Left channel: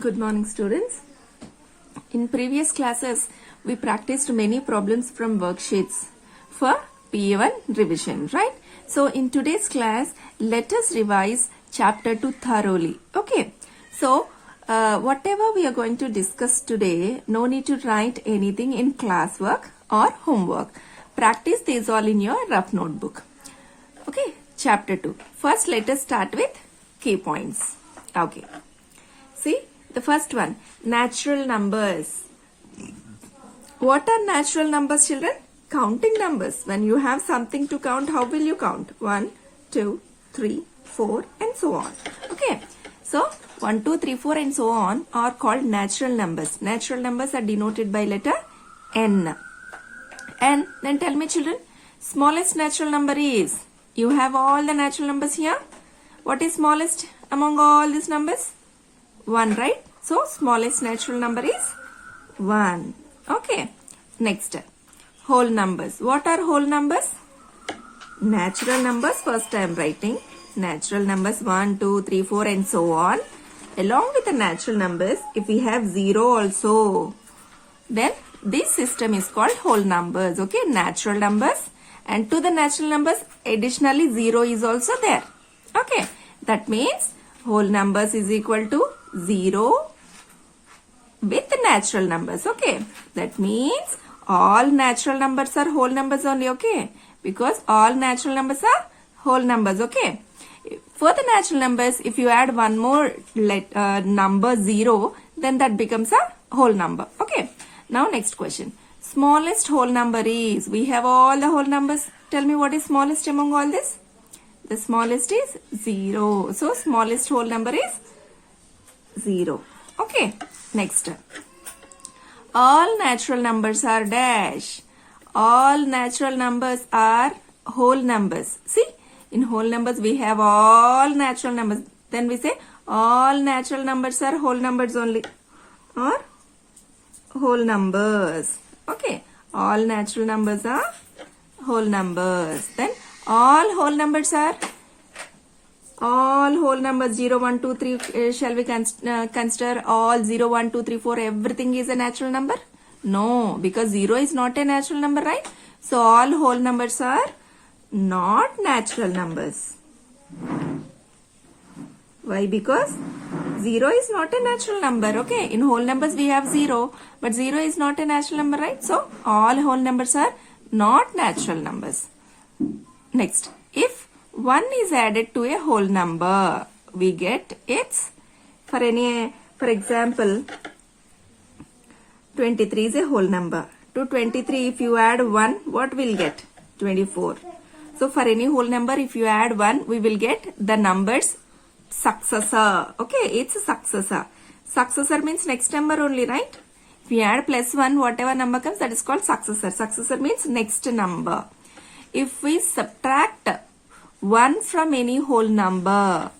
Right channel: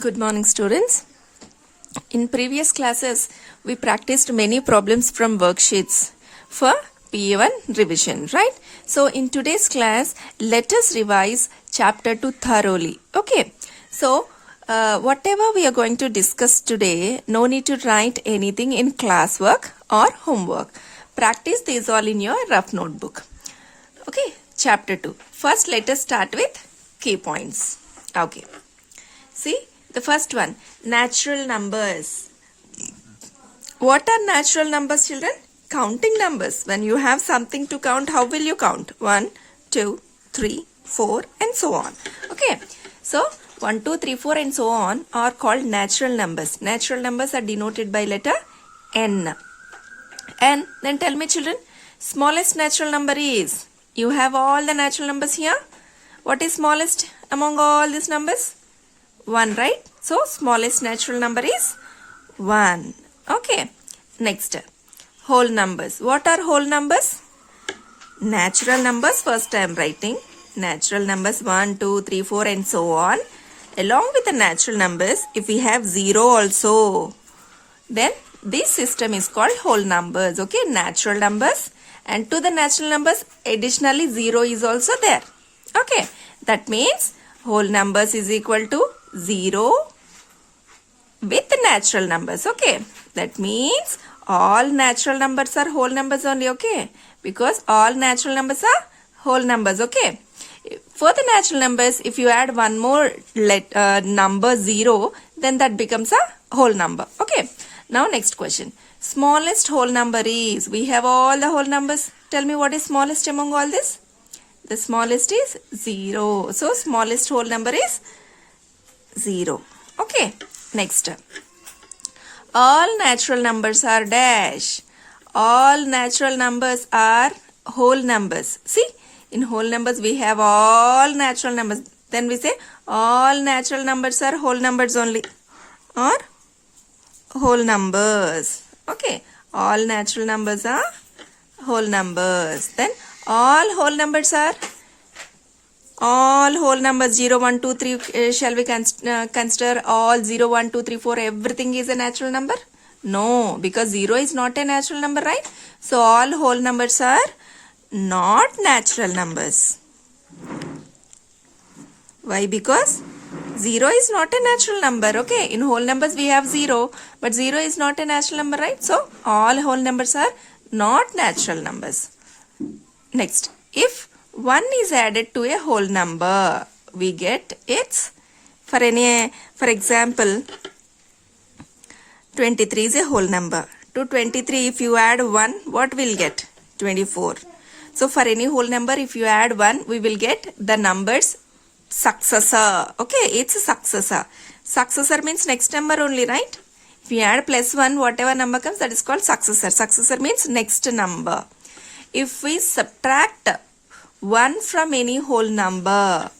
Good morning, students. In previous classes, we practiced many problems from worksheets for PA-1 revision, right? So, in today's class, let us revise chapter 2 thoroughly. Okay. So, whatever we are going to discuss today, no need to write anything in classwork or homework. Practice these all in your rough notebook. Okay. Chapter 2. First, let us start with key points. Okay. See, the first one, natural numbers. What are natural numbers, children? Counting numbers. When you have something to count, how will you count? 1, 2, 3, 4 and so on. Okay. So, 1, 2, 3, 4 and so on are called natural numbers. Natural numbers are denoted by letter N. And then tell me, children, smallest natural number is? You have all the natural numbers here. What is smallest among all these numbers? 1, right? So, smallest natural number is 1. Okay. Next, whole numbers. What are whole numbers? Natural numbers, first I am writing. Natural numbers 1, 2, 3, 4 and so on. Along with the natural numbers, if we have 0 also, then this system is called whole numbers. Okay, natural numbers. And to the natural numbers, additionally 0 is also there. Okay, that means whole numbers is equal to 0 with natural numbers. Okay, that means all natural numbers are whole numbers only. Okay, because all natural numbers are whole numbers. Okay, for the natural numbers, if you add one more number 0, then that becomes a whole number. Okay, now next question. Smallest whole number is? We have all the whole numbers. Tell me what is smallest among all this? The smallest is 0. So, smallest whole number is 0. Okay, next. All natural numbers are dash. All natural numbers are whole numbers. See, in whole numbers we have all natural numbers. Then we say all natural numbers are whole numbers only. Or whole numbers. Okay, all natural numbers are whole numbers. Then all whole numbers are all whole numbers 0, 1, 2, 3. Shall we consider all 0, 1, 2, 3, 4? Everything is a natural number? No, because 0 is not a natural number, right? So, all whole numbers are not natural numbers. Why? Because 0 is not a natural number. Okay, in whole numbers we have 0, but 0 is not a natural number, right? So, all whole numbers are not natural numbers. Next, if 1 is added to a whole number, we get its, for example, 23 is a whole number. To 23, if you add 1, what will get? 24. So, for any whole number, if you add 1, we will get the numbers successor. Okay, it's a successor. Successor means next number only, right? If you add plus 1, whatever number comes, that is called successor. Successor means next number. If we subtract 1 from any whole number,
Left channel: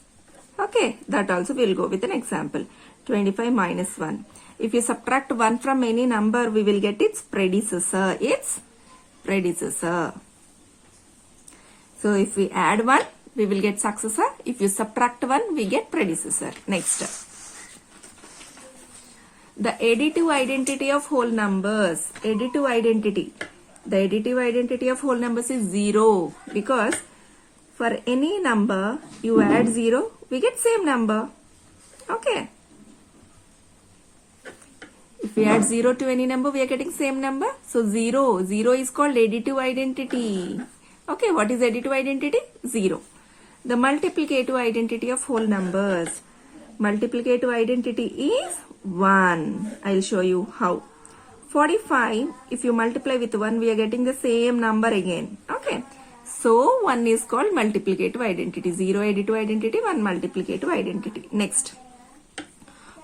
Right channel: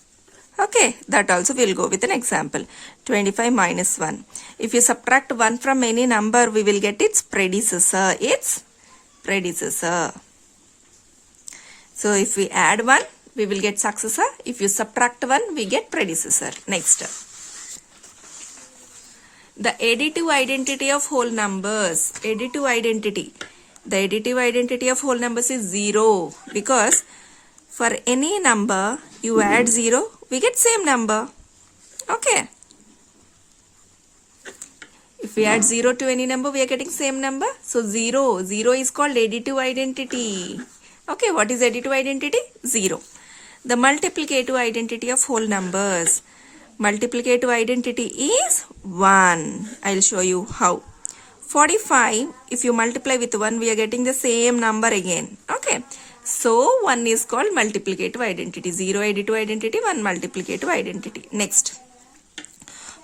okay, that also will go with an example. 25 minus 1. If you subtract 1 from any number, we will get its predecessor. Its predecessor. So, if we add 1, we will get successor. If you subtract 1, we get predecessor. Next. The additive identity of whole numbers. Additive identity. The additive identity of whole numbers is 0. Because for any number, you add 0, we get same number. Okay. If we add 0 to any number, we are getting same number. So, 0. 0 is called additive identity. Okay, what is additive identity? 0. The multiplicative identity of whole numbers. Multiplicative identity is 1. I will show you how. 45, if you multiply with 1, we are getting the same number again. Okay. So, 1 is called multiplicative identity. 0 additive identity, 1 multiplicative identity. Next.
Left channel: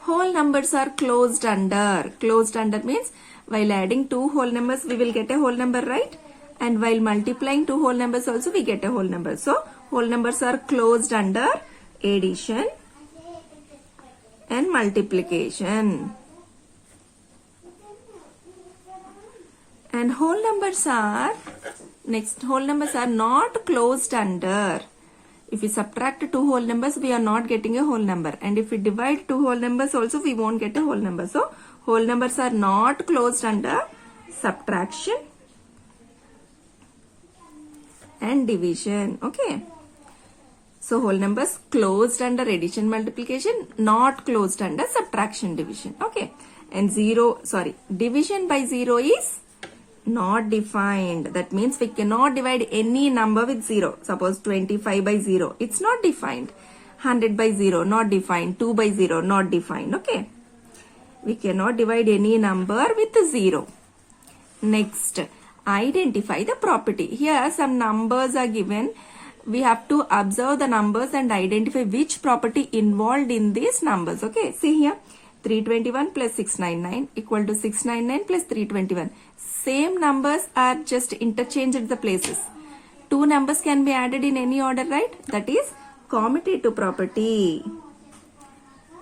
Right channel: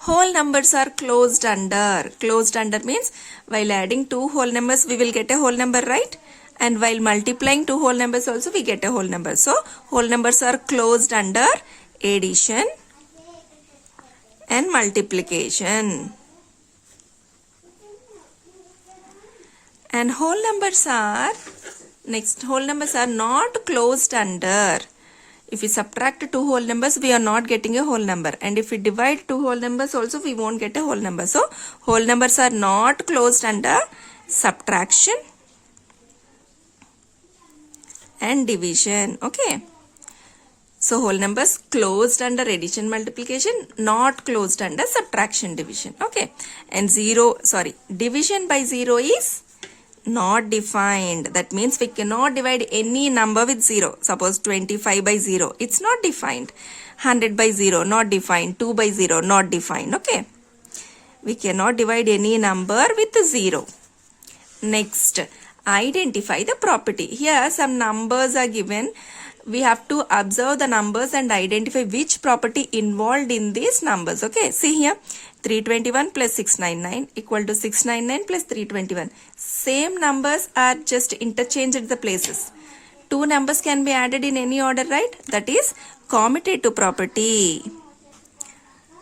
Whole numbers are closed under. Closed under means while adding 2 whole numbers, we will get a whole number, right? And while multiplying 2 whole numbers also, we get a whole number. So, whole numbers are closed under addition and multiplication. And whole numbers are, next, whole numbers are not closed under. If we subtract two whole numbers, we are not getting a whole number. And if we divide two whole numbers also, we won't get a whole number. So, whole numbers are not closed under subtraction and division. Okay. So, whole numbers closed under addition multiplication, not closed under subtraction division. Okay. And division by 0 is not defined. That means we cannot divide any number with 0. Suppose 25 by 0. It's not defined. 100 by 0. Not defined. 2 by 0. Not defined. Okay. We cannot divide any number with 0. Next, identify the property. Here some numbers are given. We have to observe the numbers and identify which property involved in these numbers. Okay. See here. 321 plus 699 equal to 699 plus 321. Same numbers are just interchanged the places. Two numbers can be added in any order, right? That is commutative property.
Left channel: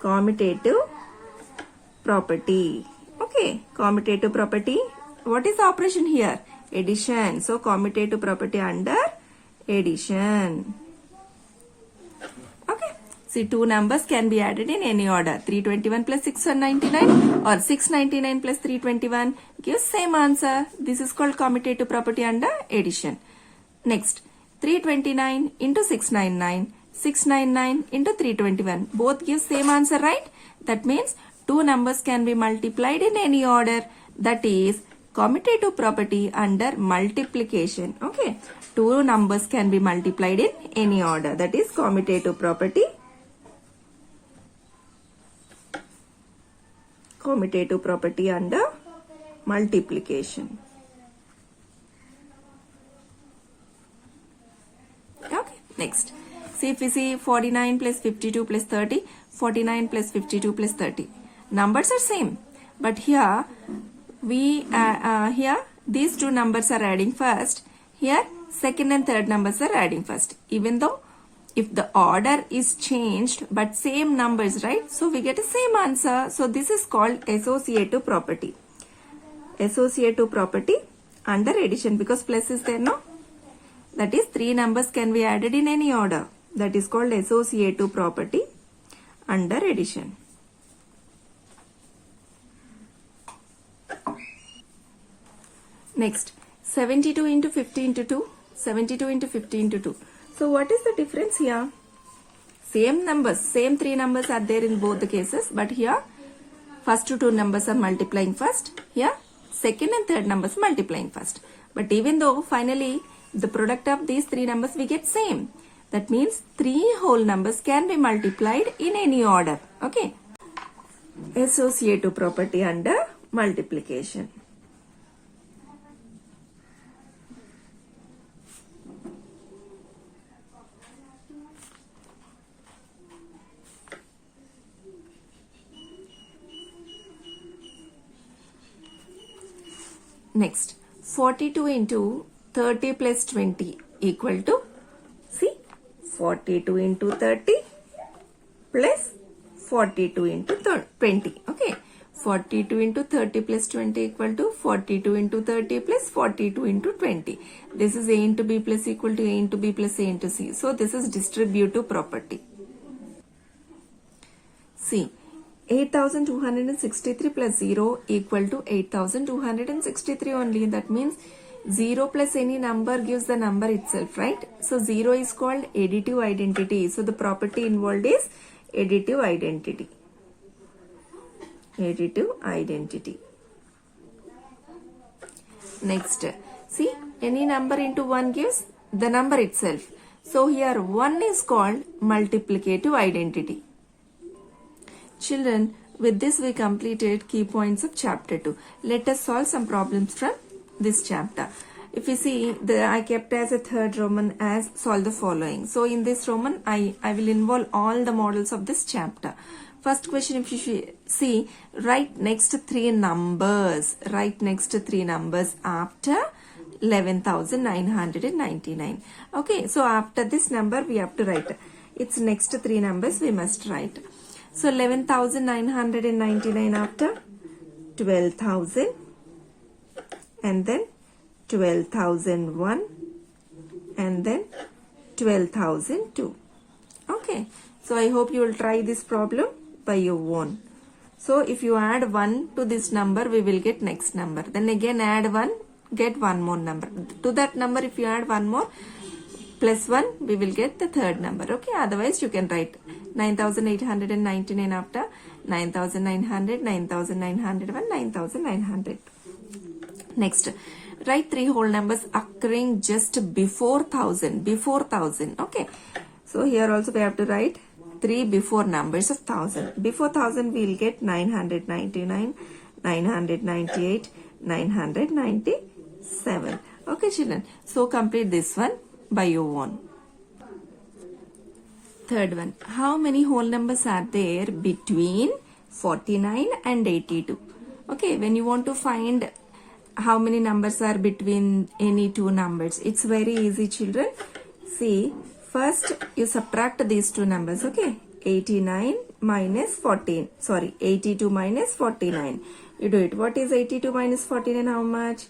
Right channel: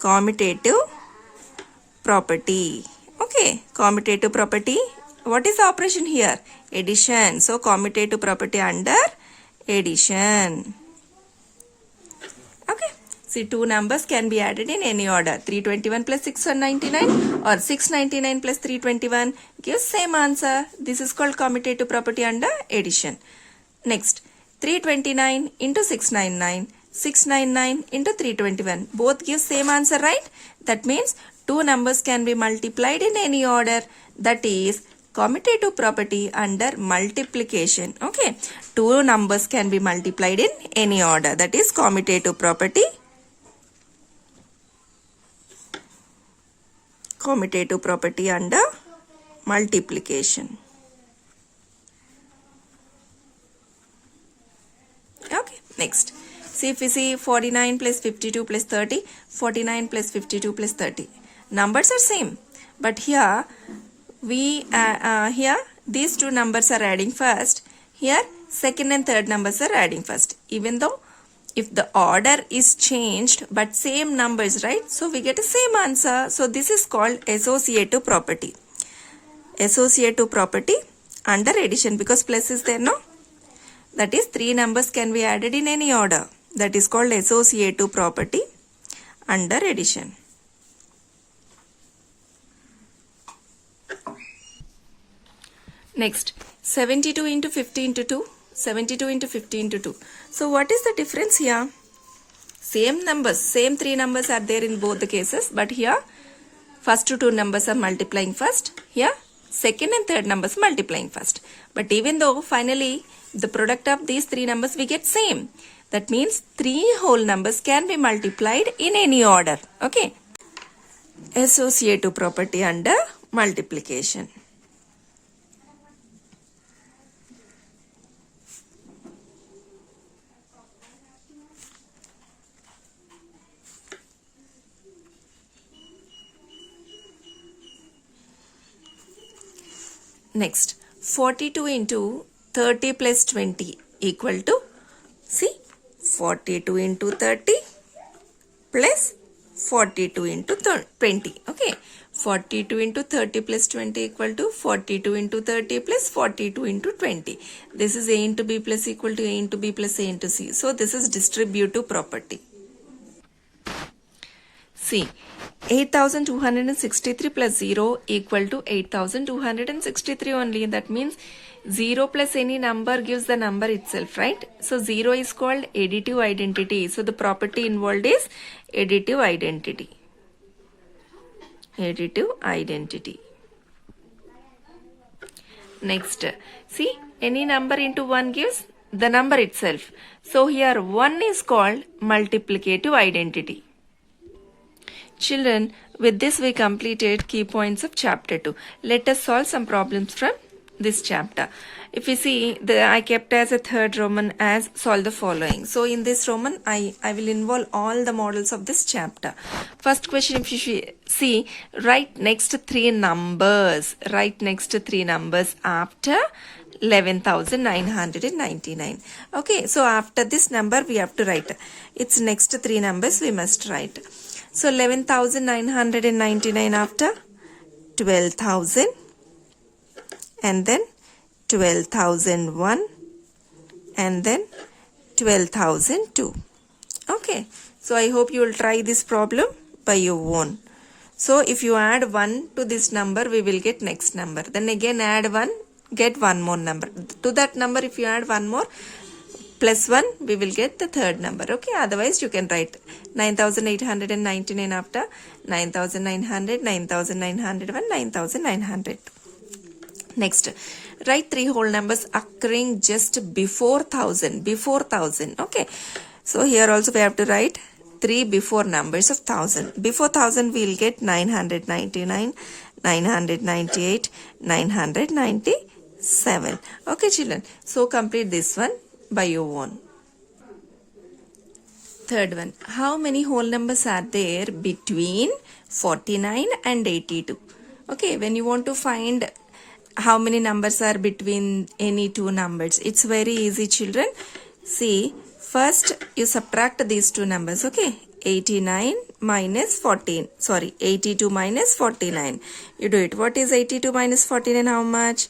Commutative property. Okay. Commutative property. What is the operation here? Addition. So, commutative property under addition. Okay. See, two numbers can be added in any order. 321 plus 699 or 699 plus 321 gives same answer. This is called commutative property under addition. Next, 329 into 699, 699 into 321. Both give same answer, right? That means two numbers can be multiplied in any order. That is commutative property under multiplication. Okay. Two numbers can be multiplied in any order. That is commutative property. Commutative property under multiplication. Okay, next. See, if we see 49 plus 52 plus 30, 49 plus 52 plus 30. Numbers are same, but here these two numbers are adding first. Here second and third numbers are adding first. Even though if the order is changed but same numbers, right? So we get the same answer. So this is called associative property. Associative property under addition, because plus is there, no? That is three numbers can be added in any order. That is called associative property under addition. Next, 72 into 50 into 2. 72 into 50 into 2. So what is the difference here? Same numbers, same three numbers are there in both the cases, but here first two numbers are multiplying first. Here second and third numbers multiplying first. But even though finally the product of these three numbers we get same. That means three whole numbers can be multiplied in any order. Okay. Associative property under multiplication. Next, 42 into 30 plus 20 equal to, see, 42 into 30 plus 42 into 20. Okay, 42 into 30 plus 20 equal to 42 into 30 plus 42 into 20. This is A into B plus equal to A into B plus A into C. So, this is distributive property. See, 8263 plus 0 equal to 8263 only. That means 0 plus any number gives the number itself, right? So 0 is called additive identity. So the property involved is additive identity. Additive identity. Next, see, any number into 1 gives the number itself. So here 1 is called multiplicative identity. Children, with this we completed key points of chapter 2. Let us solve some problems from this chapter. If you see, I kept as a third Roman as solve the following. So in this Roman, I will involve all the models of this chapter. First question, if you see, write next three numbers. Write next three numbers after 11,999. Okay, so after this number we have to write. Its next three numbers we must write. So 11,999 after 12,000 and then 12,001 and then 12,002. Okay, so I hope you will try this problem by your own. So if you add 1 to this number, we will get next number. Then again add 1, get one more number. To that number, if you add one more, plus 1, we will get the third number. Okay, otherwise you can write 9,899 after 9,900, 9,901, 9,900. Next, write 3 whole numbers occurring just before 1,000. Before 1,000. Okay, so here also we have to write 3 before numbers of 1,000. Before 1,000 we will get 999, 998, 997. Okay children, so complete this one by your own. Third one, how many whole numbers are there between 49 and 82? Okay, when you want to find how many numbers are between any two numbers, it's very easy children. See, first you subtract these two numbers. Okay, 89 minus 14, sorry, 82 minus 49. You do it. What is 82 minus 49? How much?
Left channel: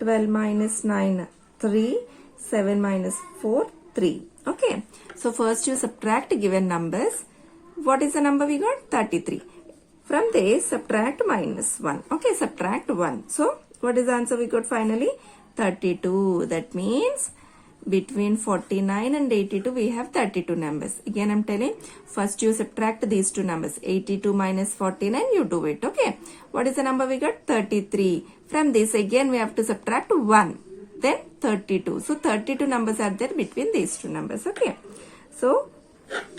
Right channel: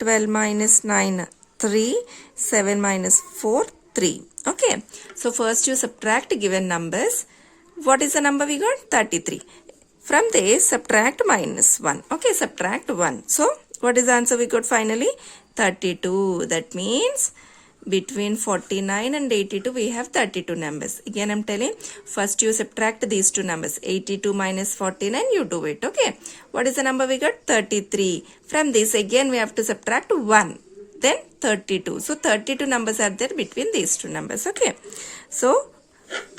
12 minus 9, 3, 7 minus 4, 3. Okay, so first you subtract given numbers. What is the number we got? 33. From this, subtract minus 1. Okay, subtract 1. So, what is the answer we got finally? 32. That means between 49 and 82 we have 32 numbers. Again I am telling, first you subtract these two numbers. 82 minus 49, you do it. Okay, what is the number we got? 33. From this again we have to subtract 1. Then 32. So 32 numbers are there between these two numbers. Okay, so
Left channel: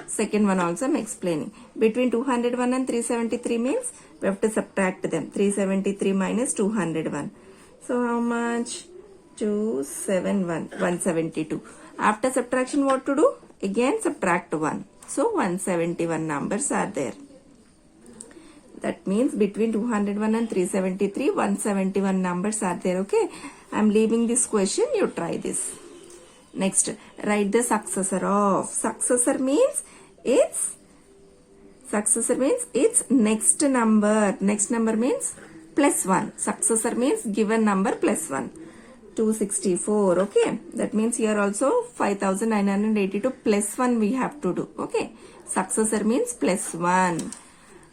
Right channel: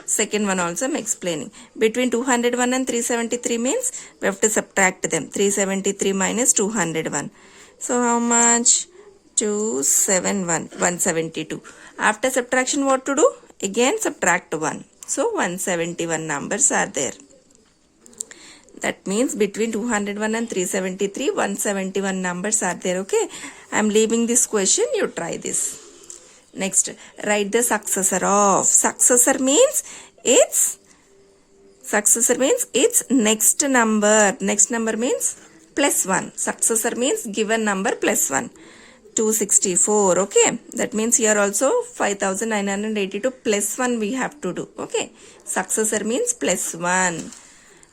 second one also I am explaining. Between 201 and 373 means we have to subtract them. 373 minus 201. So how much? 271, 172. After subtraction what to do? Again subtract 1. So 171 numbers are there. That means between 201 and 373, 171 numbers are there. Okay, I am leaving this question. You try this. Next, write the successor of. Successor means it's next number. Next number means plus 1. Successor means given number plus 1. 264. Okay, that means here also 5,982 plus 1 we have to do. Okay, successor means plus 1.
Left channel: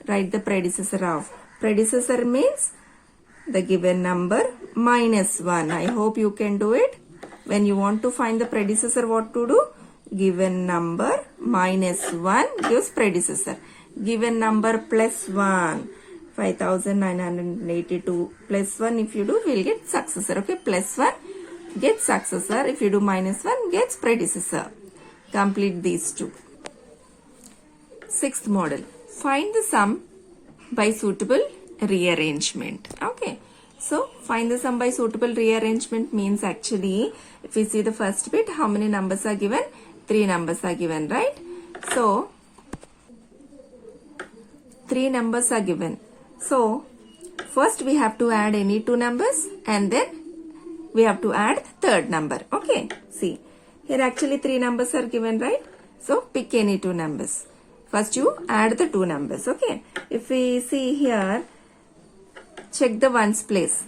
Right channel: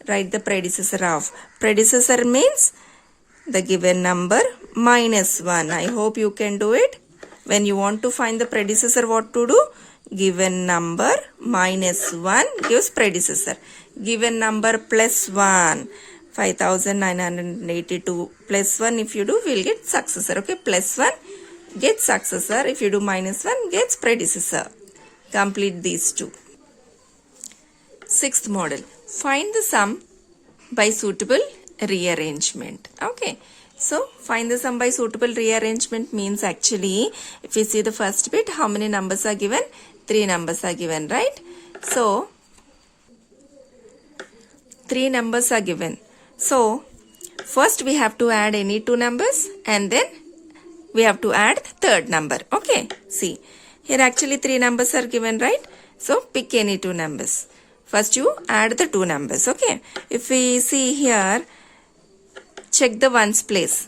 Write the predecessor of. Predecessor means the given number minus 1. I hope you can do it. When you want to find the predecessor, what to do? Given number minus 1 gives predecessor. Given number plus 1. 5,982 plus 1 if you do, we'll get successor. Okay, plus 1 gets successor. If you do minus 1 gets predecessor. Complete these two. Sixth model. Find the sum by suitable rearrangement. Okay, so find the sum by suitable rearrangement means actually if we see the first bit, how many numbers are given? 3 numbers are given, right? So 3 numbers are given. So first we have to add any 2 numbers and then we have to add the third number. Okay, see here actually 3 numbers are given, right? So pick any 2 numbers. First you add the 2 numbers. Okay, if we see here, check the ones place.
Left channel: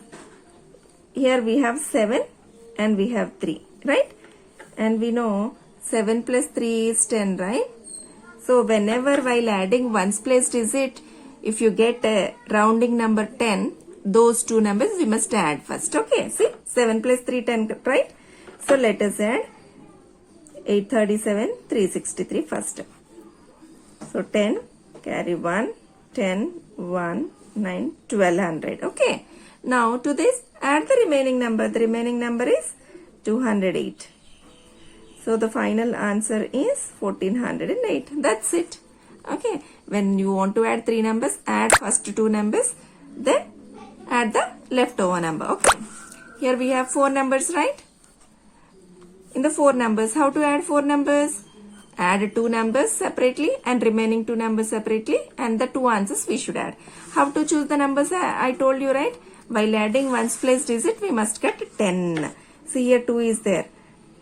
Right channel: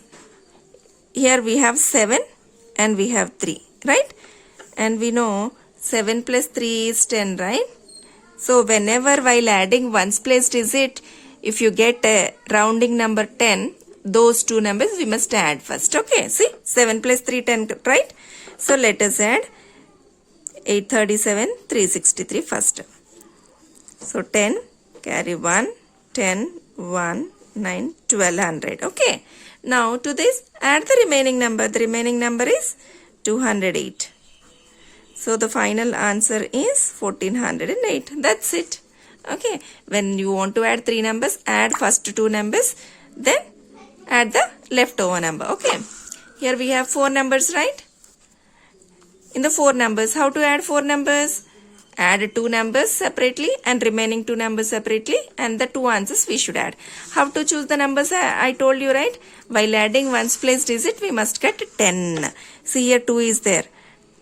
Here we have 7 and we have 3, right? And we know 7 plus 3 is 10, right? So whenever while adding ones place digit, if you get a rounding number 10, those 2 numbers we must add first. Okay, see 7 plus 3, 10, right? So let us add 837, 363 first. So 10, carry 1, 10, 1, 9, 1200. Okay, now to this add the remaining number. The remaining number is 208. So the final answer is 1408. That's it. Okay, when you want to add 3 numbers, add first 2 numbers, then add the leftover number. Okay, here we have 4 numbers, right? In the 4 numbers, how to add 4 numbers? Add 2 numbers separately and remaining 2 numbers separately, and the 2 answers we should add. How to choose the numbers? I told you, right? While adding ones place digit, we must get 10. See here 2 is there.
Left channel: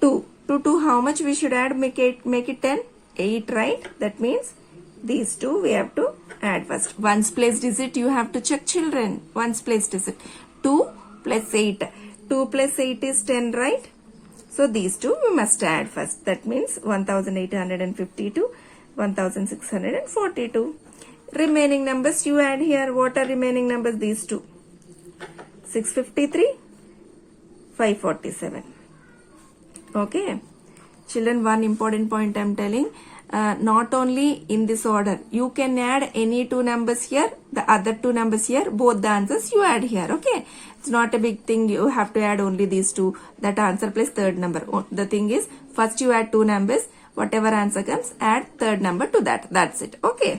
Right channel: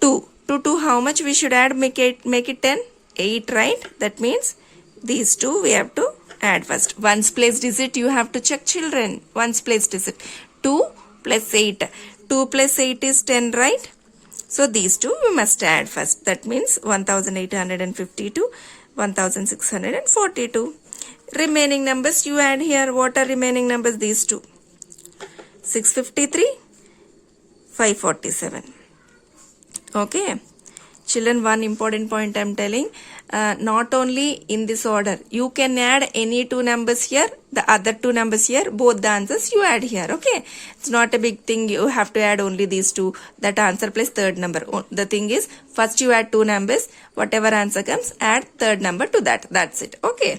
2. To 2, how much we should add? Make it 10? 8, right? That means these 2 we have to add first. Ones place digit you have to check, children. Ones place digit. 2 plus 8. 2 plus 8 is 10, right? So these two we must add first. That means 1852, 1642. Remaining numbers you add here. What are remaining numbers? These two. 653, 547. Okay. Children, one important point I am telling. Not only in this order. You can add any two numbers here. The other two numbers here. Both the answers you add here. Okay. It's not a big thing. You have to add only these two. That answer plus third number. The thing is, first you add two numbers. Whatever answer comes, add third number to that. That's it. Okay.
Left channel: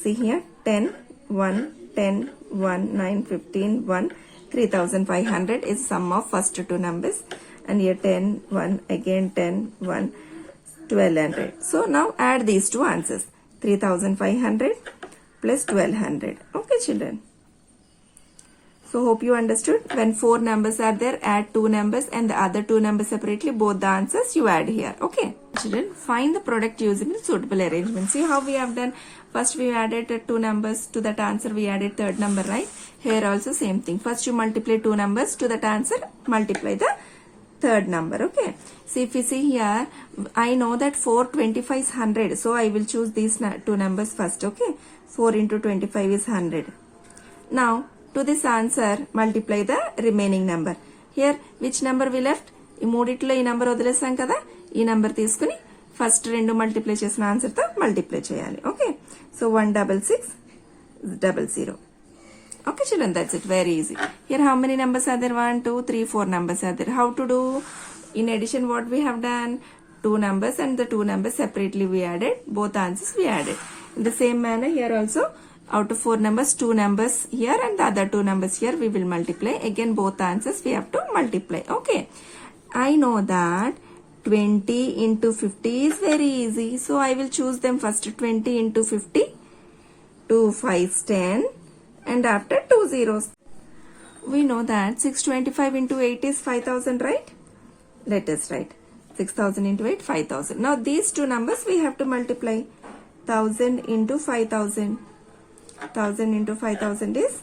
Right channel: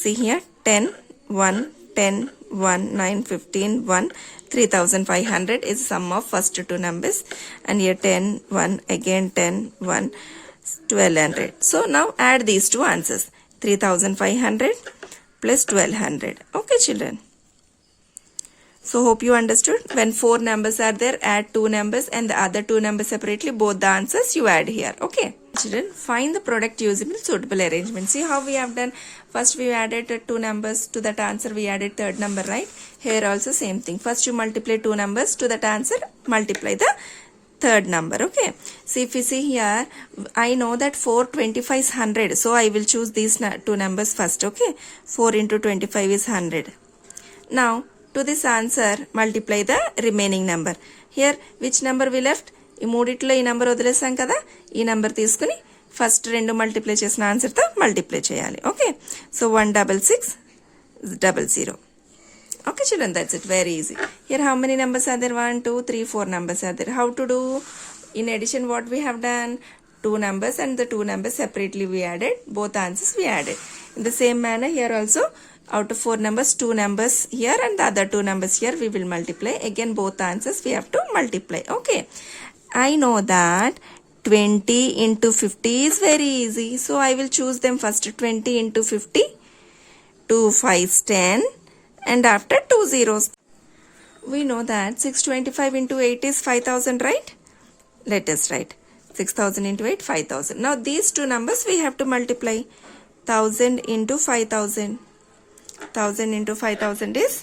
See here. 10, 1, 10, 1, 9, 15, 1. 3500 is sum of first two numbers, and here 10, 1, again 10, 1, 1200. So now add these two answers, 3500 plus 1200. Okay, children. So hope you understood. When four numbers are there, add two numbers and the other two numbers separately. Both the answers you add here. Okay. Children, find the product using suitable arrangement. See how we have done. First we added two numbers to that answer. We added third number, right? Here also same thing. First you multiply two numbers to that answer. Multiply the third number. Okay. See, if you see here, I know that 4 25 is 100. So I will choose these two numbers first. Okay. 4 into 25 is 100. Now, to this answer, multiply the remaining number. Here, which number we left? ఈ మూడిట్లో ఈ number వదిలేసాం కదా, ఈ number తీసుకుని first రెండు multiply చేసిన ఆన్సర్తో మల్టిప్లై చేయాలి. Okay. So 16600. Okay, children, that's it. Very easy. Here, how many numbers are there? 1, 2, 3, 4 numbers are there. How to do? In addition, what we have done? Two numbers, and the two numbers separately we added. Both answers we added. In the same manner, here also, out of four numbers, two numbers here and the other two numbers here we will multiply. Again, both answers we have to multiply. Okay. I know that 20 into 50 is very easy. So, I will choose them first. 20 into 50. 2 5s 10. And after 2 zeros. We know that 625 into 8 is 5000, right? Let us write. 6000 into 8, 5000. Now, these two numbers we have to multiply. 1000 into 5000. 1000 into 5000 is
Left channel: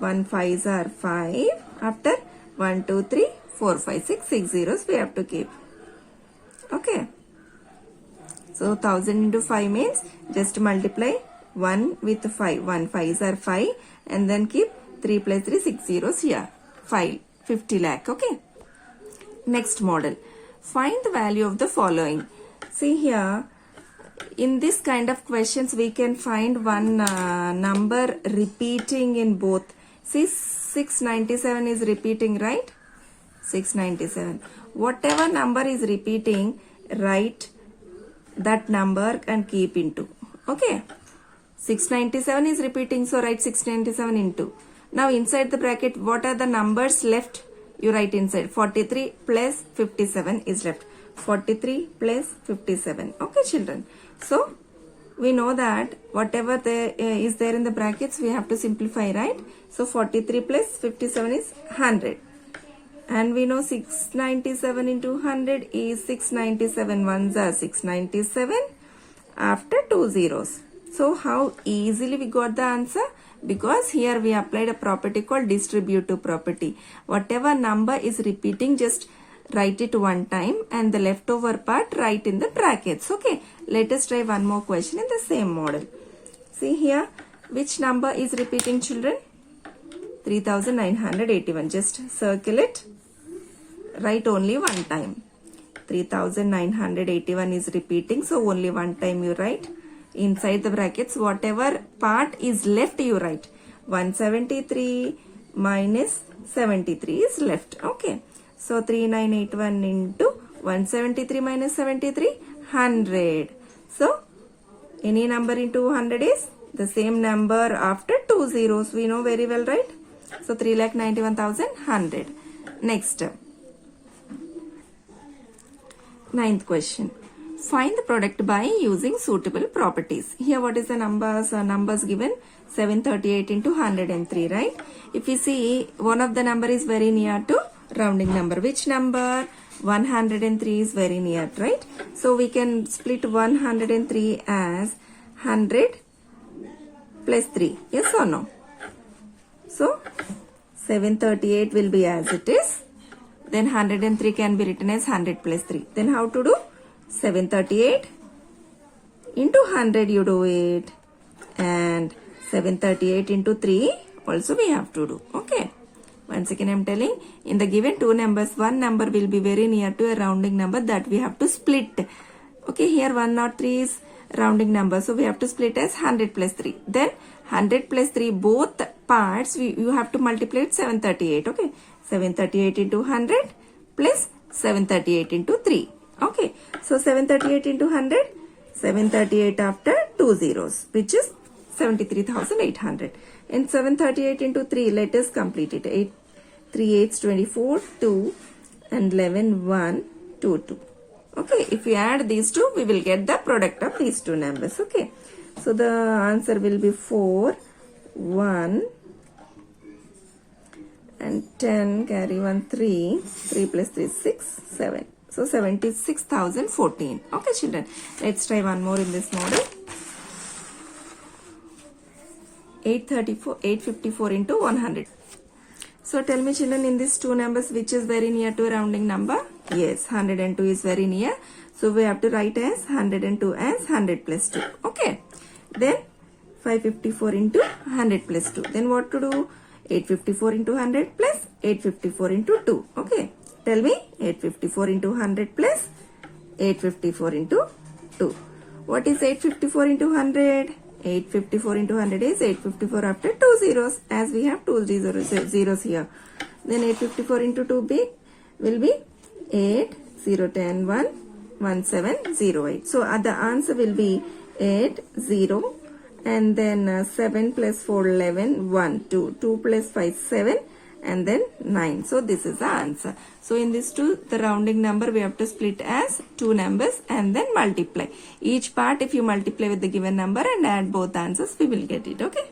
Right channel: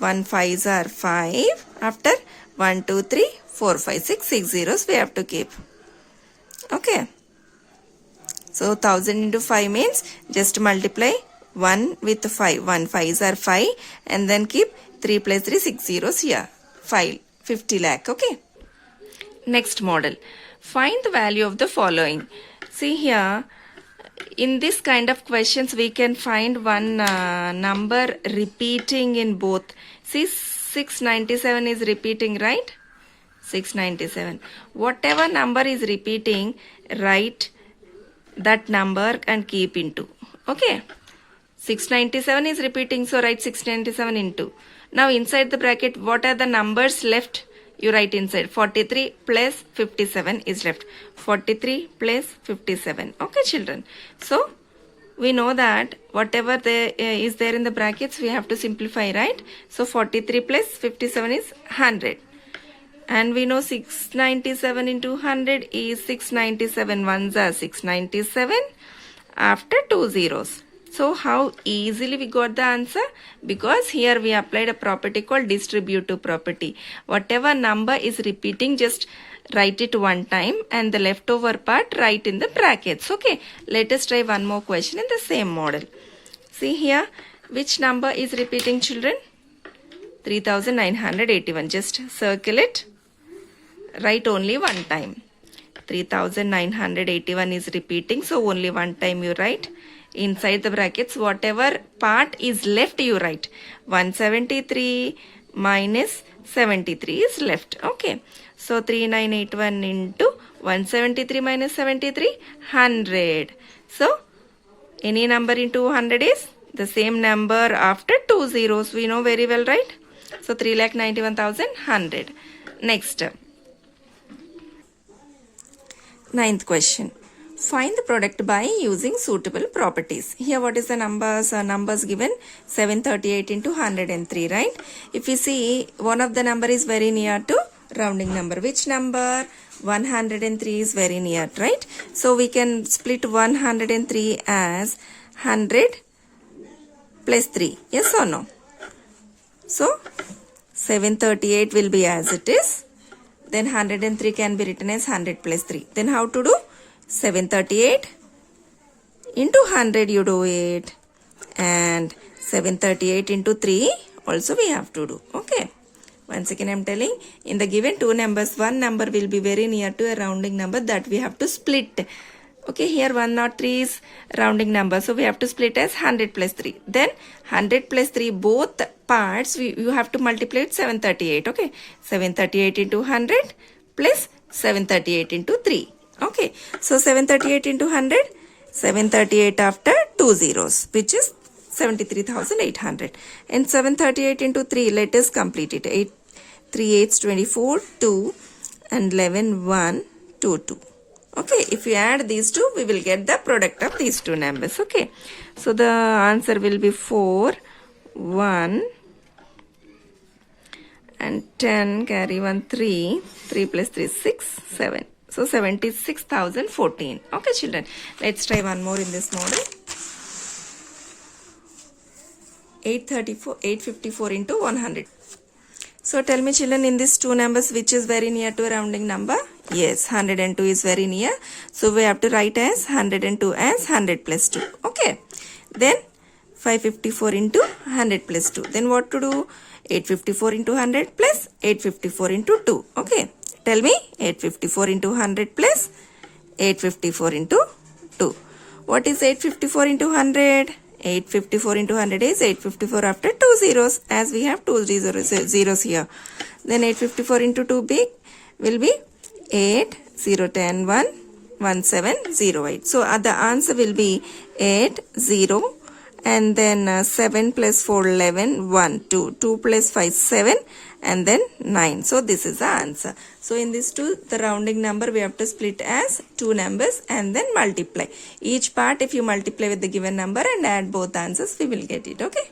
1 5s are 5. After 1 2 3 4 5 6 6 zeros we have to keep. Okay. So 1000 into 5 means just multiply 1 with 5. 1 5s are 5 and then keep 3 plus 3 6 zeros here. 50 lakh. Okay. Next model. Find the value of the following. See here. In this kind of questions, we can find one number repeating in both. See, 697 is repeating, right? 697. Whatever number is repeating, write that number and keep into. Okay. 697 is repeating, so write 697 into. Now, inside the bracket, what are the numbers left? You write inside. 43 plus 57 is left. 43 plus 57. Okay, children. So, we know that whatever there is there in the brackets, we have to simplify, right? So, 43 plus 57 is 100. And we know 697 into 100 is 697. Ones are 697 after 2 zeros. So, how easily we got the answer? Because here we applied a property called distributive property. Whatever number is repeating, just write it one time and the leftover part write in the brackets. Okay, let us try one more question in the same model. See here, which number is repeating, children? 3981. Just circle it. Write only one time. 3981 is repeating, so only one time you write. Inside the brackets, whatever part is left, you write. 173 minus 73 is left. Okay. So, 3981 into 173 minus 73, 100. So, any number into 100 is the same number after 2 zeros. We know very well, right? So, 3,91,100. Next. Ninth question. Find the product by using suitable properties. Here what is the numbers? Numbers given 738 into 103, right? If you see, one of the number is very near to rounding number. Which number? 103 is very near, right? So we can split 103 as 100 plus 3. Yes or no? So 738 will be as it is. Then 103 can be written as 100 plus 3. Then how to do? 738 into 100 you do it. And 738 into 3 also we have to do. Okay. Once again I am telling, in the given two numbers, one number will be very near to a rounding number that we have to split. Okay, here 103 is rounding number, so we have to split as 100 plus 3. Then 100 plus 3, both parts you have to multiply with 738. Okay, 738 into 100 plus 738 into 3. Okay, so 738 into 100, 738 after 2 zeros, which is 73,800. And 738 into 3, let us complete it. 8, 3 8s 24, 2 and 11, 1, 2, 2. Okay, if we add these two, we will get the product of these two numbers. Okay, so the answer will be 4, 1 and 10, carry 1, 3, 3 plus 3, 6, 7. So 76,014. Okay, children, let's try one more in this model. 854 into 100. So tell me, children, in these two numbers, which is very near to a rounding number? Yes, 102 is very near. So we have to write as 102 as 100 plus 2. Okay. Then 554 into 100 plus 2. Then what to do? 854 into 100 plus 854 into 2. Okay. Tell me, 854 into 100 plus 854 into 2. What is 854 into 100? 854 into 100 is 854 after 2 zeros, as we have 2 zeros here. Then 854 into 2 big will be 8, 0, 10, 1, 1, 7, 0, 8. So the answer will be 8, 0 and then 7 plus 4, 11, 1, 2, 2 plus 5, 7 and then 9. So this is the answer. So in this two, the rounding number we have to split as two numbers and then multiply. Each part if you multiply with the given number and add both answers, we will get it. Okay.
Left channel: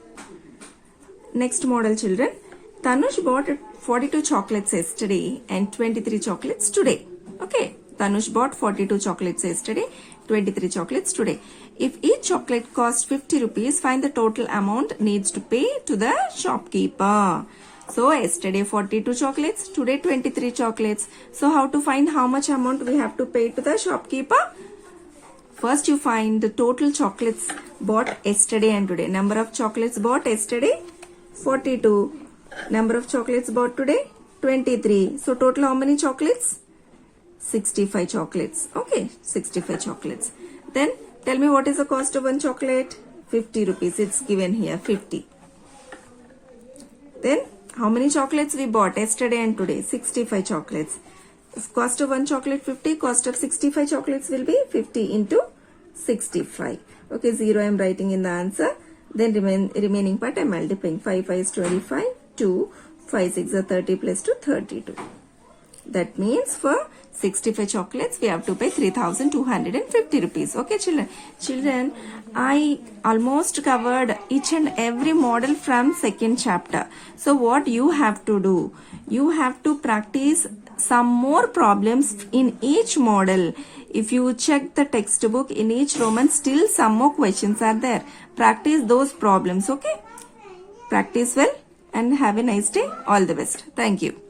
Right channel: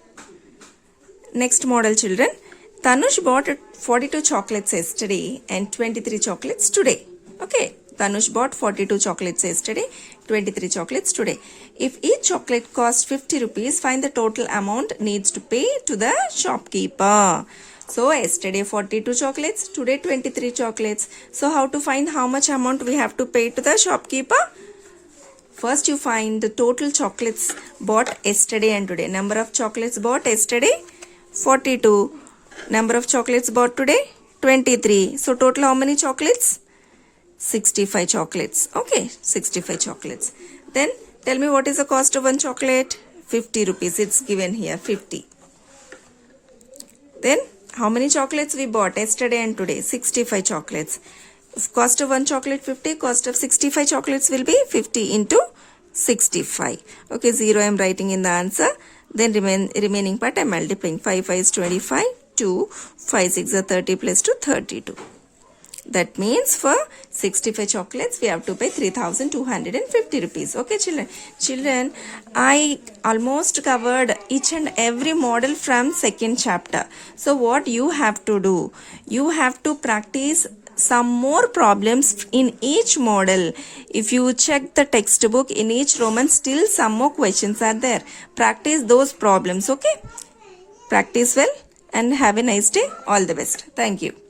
Next model, children. Tanush bought 42 chocolates yesterday and 23 chocolates today. Okay. Tanush bought 42 chocolates yesterday, 23 chocolates today. If each chocolate costs 50 rupees, find the total amount needs to pay to the shopkeeper. So yesterday 42 chocolates, today 23 chocolates. So how to find how much amount we have to pay to the shopkeeper? First you find the total chocolates bought yesterday and today. Number of chocolates bought yesterday 42. Number of chocolates bought today 23. So total how many chocolates? 65 chocolates. Okay, 65 chocolates. Then tell me what is the cost of one chocolate? 50 rupees. It's given here 50. Then how many chocolates we bought yesterday and today? 65 chocolates. Cost of one chocolate 50. Cost of 65 chocolates will be 50 into 65. Okay, 0 I am writing in the answer. Then remaining part I am multiplying. 5 5 is 25. 2. 5 6 are 30 plus 2, 32. That means for 65 chocolates, we have to pay 3,250 rupees. Okay, children. Children, I almost covered each and every model from second chapter. So what you have to do? You have to practice some more problems in each model. If you check the textbook in each Roman, still some more questions are there. Practice those problems. Okay. Practice well and have a nice day. All the best. Thank you.